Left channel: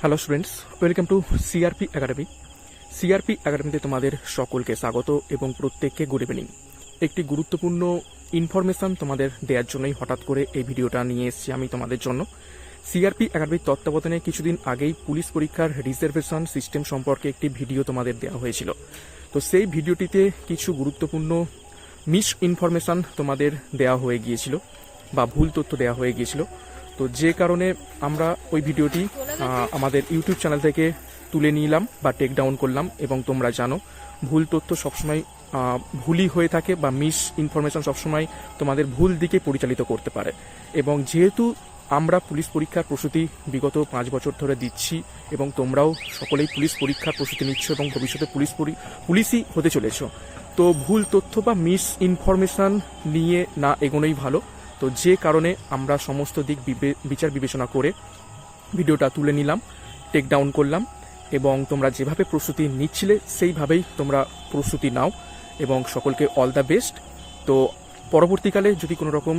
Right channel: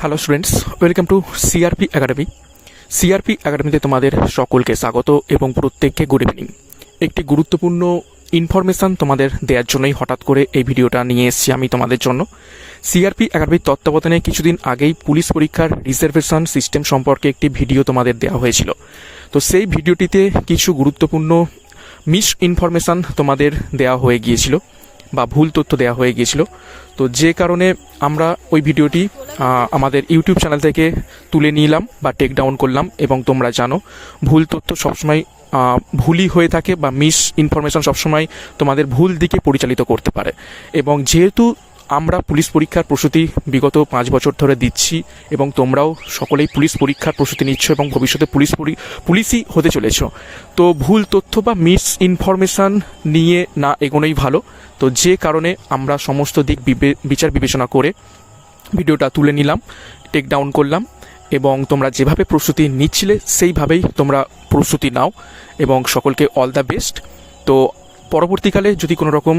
Hello students welcome to CRP academy CRP একাডেমিতে তোমাদের সকলকে স্বাগত এবং প্রত্যেককে গুড ইভিনিং একটি গুরুত্বপূর্ণ ইনফরমেশান তোমাদের দেওয়ার জন্যই হঠাৎ করে এই ভিডিওটা নিয়ে এসেছি আমি তোমাদের জন্য। সিআরপি একাডেমির তত্ত্বাবধানে কিছুদিন আগেই পুলিশ পরীক্ষার রিজার্ভেশন সিস্টেম সম্পর্কে একটি ভিডিও তোমাদের দেওয়া হয়েছিল। তো সেই ভিডিওটিতে কিছু গুরুত্বপূর্ণ মিস ইনফরমেশান তোমাদের দেওয়া হয়ে গিয়েছিল। বা ভুল তথ্য দেওয়া হয়ে গিয়েছিল। তো যে কারণে আমরা ওই ভিডিওটি আমাদের ইউটিউব চ্যানেল থেকে তুলে নিলাম বা টেক ডাউন করলাম এবং তোমরা জানো, ভুল তথ্য সবসময় ভুলই হয়ে থাকে বা মিস ইনফরমেশন সবসময় তোমাদের ভুল দিকে পরিচালিত করতে পারে। এবং যেহেতু আমরা পুলিশ পরীক্ষার প্রস্তুতি বিগত পাঁচ বছর ধরে দিচ্ছি এবং তোমরাও সকলেই পুলিশ পরীক্ষার প্রস্তুতি নিচ্ছ এবং ভবিষ্যতে পুলিশ পুলিশই হতে চলেছ। তো ভুল তথ্য বা মিস ইনফরমেশান নিয়ে না এগোনোই ভালো। তো যে কারণে আমরা সমস্ত দিক বিচার বিবেচনা করে ভিডিওটা তুলে নিলাম টেক ডাউন করলাম এবং তোমরা যেভাবে প্রস্তুতি নিচ্ছিলে সেইভাবেই তোমরা প্রস্তুতি নাও এবং সকলকে অল দ্য বেস্ট তো পরবর্তীকালে যদি কোনো রকম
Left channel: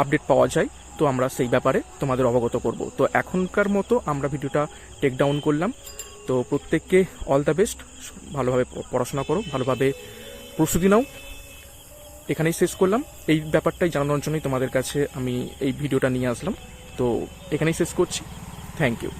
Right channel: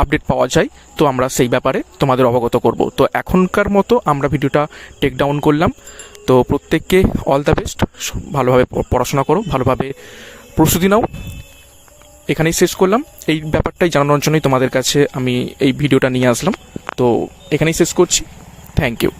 আপডেট পাওয়া যায়, তো আমরা সেই ব্যাপারে তোমাদের অবগত করব। তো এখনকার মতো আমরা ভিডিওটা টেক ডাউন করলাম। তো প্রত্যেককে অল দ্য বেস্ট ভালোভাবে পড়াশোনা করো, ভালোভাবে প্রস্তুতি নাও। এখানেই শেষ করলাম। এই ব্যাপারটাই জানানোর জন্যই তোমাদের কাছে আমি এই ভিডিওটা নিয়ে আসলাম। তো এখানেই শেষ করছি। Thank you